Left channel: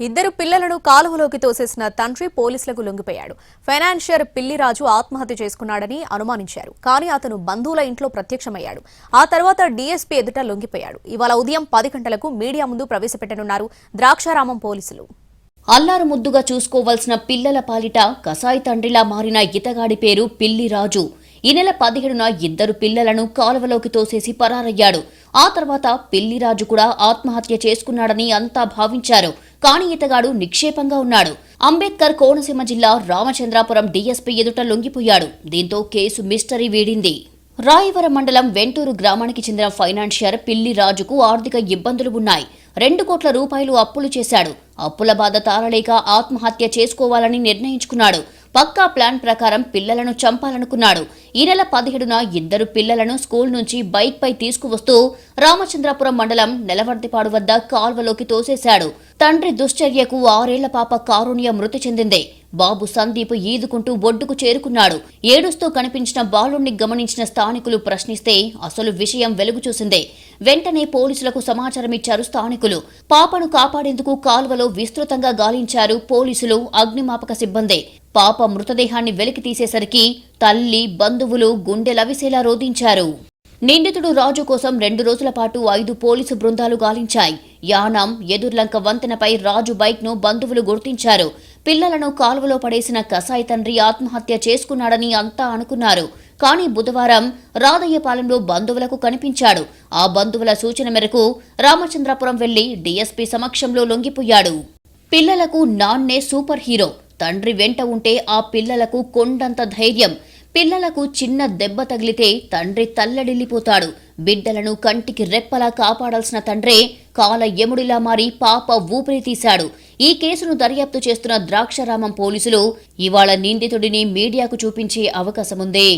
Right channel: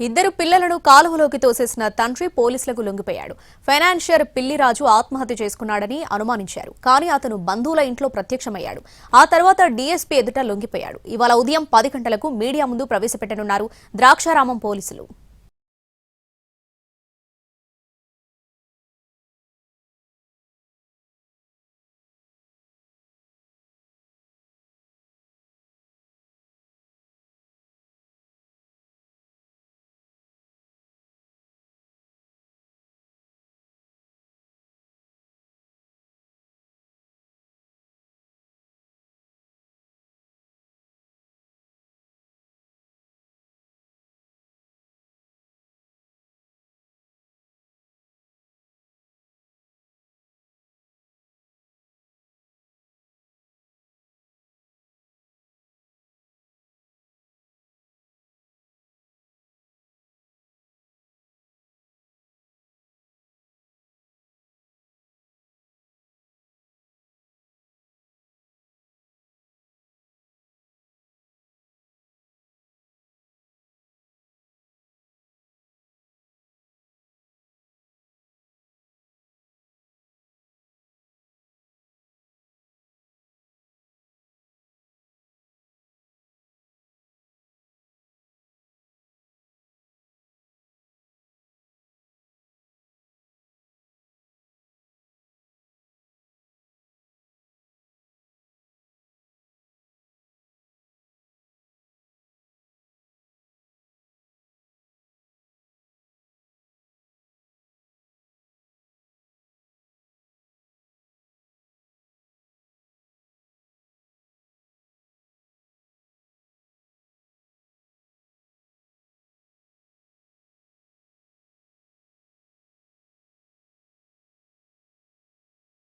ఇద్దరు పిల్లలను కాలువలోకి తోసేసిన తండ్రి పోలీసులకు లొంగిపోయాడు. ఫైనాన్షియర్ పిల్లిరాజు ఆత్మహత్య చేసుకున్నాడని అనుమానించారు. కానీ అతను బంధువుల ఇంట్లో ప్రత్యక్షమయ్యాడు. ఆ తర్వాత డీఎస్పీ ఎదుట లొంగిపోయాడు. ఇవాళ ఉదయం పది గంటలకు మీడియా ముందు ప్రవేశపెట్టనున్నారు ద్రాక్షారామం పోలీసులు. అల్లారు ముద్దుగా చూసుకోవాల్సిన పిల్లల పాలిట కసాయి తండ్రిలా మారిన ఇతగాడి పేరు పిల్లి రాజు ఈ నెల పదిహేడున ఇద్దరు పిల్లలను కాలువలోకి తోసేసి పరారయ్యాడు. ఆ తర్వాత పిల్లిరాజు కూడా ఆత్మహత్య చేసుకున్నాడని అంతా భావించారు. కానీ ఇతగాడు నిక్షేపంగా ఉన్నాడు. అంబేద్కర్ కోనసీమ జిల్లా రామచంద్రాపురం డీఎస్పీ ఎదుట లొంగిపోయాడు. దీంతో కేసు మిస్టరీ వీడింది. రాయవరం మండలం వెంటూరు గ్రామానికి చెందిన ఫైనాన్షియర్ పిల్లి రాజుకు ఆర్థిక ఇబ్బందులు ఉన్నాయి. రెండు కోట్ల రూపాయలు అప్పులు చేశాడు. అప్పుల బాధ తాళలేక ఆత్మహత్య చేసుకోవాలని నిర్ణయించుకున్నాడు. పక్కా ప్లాన్ ప్రకారం పిల్లలను చంపాలనుకున్నాడు. ఈ నెల పదిహేడున ఇద్దరు పిల్లలను స్కూల్ నుంచి బైక్ పై తీసుకువస్తూ రామచంద్రాపురం మండలం నెలవర్తిపాడు వద్ద కాల్వలోకి తోసేశాడు. తండ్రి దుశ్చర్యకు ఆరేళ్ళ పాప కారుణ్య మృతి చెందింది. బాబు సందీప్ ఈదుకుంటూ ఒడ్డుకు చేరుకున్నాడు. ఏడుస్తూ కనిపించిన బాలుణ్ణి గమనించిన స్థానికులు ప్రశ్నిస్తే అసలు విషయం వెలుగు చూసిందే. వెంటనే పోలీసులకు సమాచారం ఇచ్చారు స్థానికులు. పాపను కాపాడేందుకు కాల్వలో విస్తృతంగా గాలించారు పోలీసులు అగ్నిమాపక సిబ్బంది. పాప మృతదేహాన్ని వెలికి తీసేసరికి తల్లి బంధువులు గుండెలవిసేలా రోధించారు. నిందితుడు రాజు కోసం రెండు రోజుల పాటు ఐదు పోలీసు బృందాలు గాలించాయి. యానాం ఎదుర్లంక వంతెనపై రాజు బైక్ను బంధువులు గుర్తించారు. పిల్లలను కాలువలో పడేసిన కసాయి తండ్రి ఆత్మహత్య చేసుకున్నాడని అంతా అనుకున్నారు. కానీ బుధవారం రాధయ్యపాలెంలో బంధువులకు కనిపించాడు. ఆ బంధువుల సూచన మేరకు రామచంద్రపురం వెళ్ళి డీఎస్పీ సమక్షంలో లొంగిపోయాడు. పిల్లలకు నాన్నే సూపర్ హీరో. తండ్రి వెంట ఉంటే ఆ పిల్లలకు కొండంత ధైర్యం. పిల్లలకు చిన్న దెబ్బ తగిలితే తండ్రి తల్లడిల్లిపోతాడు. బిడ్డలను కంటికి రెప్పలా కాపాడాల్సిన తండ్రే కాల యముడిలా మారి పాప ఊపిరి తీశాడు. ఈ కేసును దర్యాప్తు చేస్తున్న ద్రాక్షారామం పోలీసులు ఇవాళ నిందితుడిని మీడియాకు చూపించే అవకాశముంది.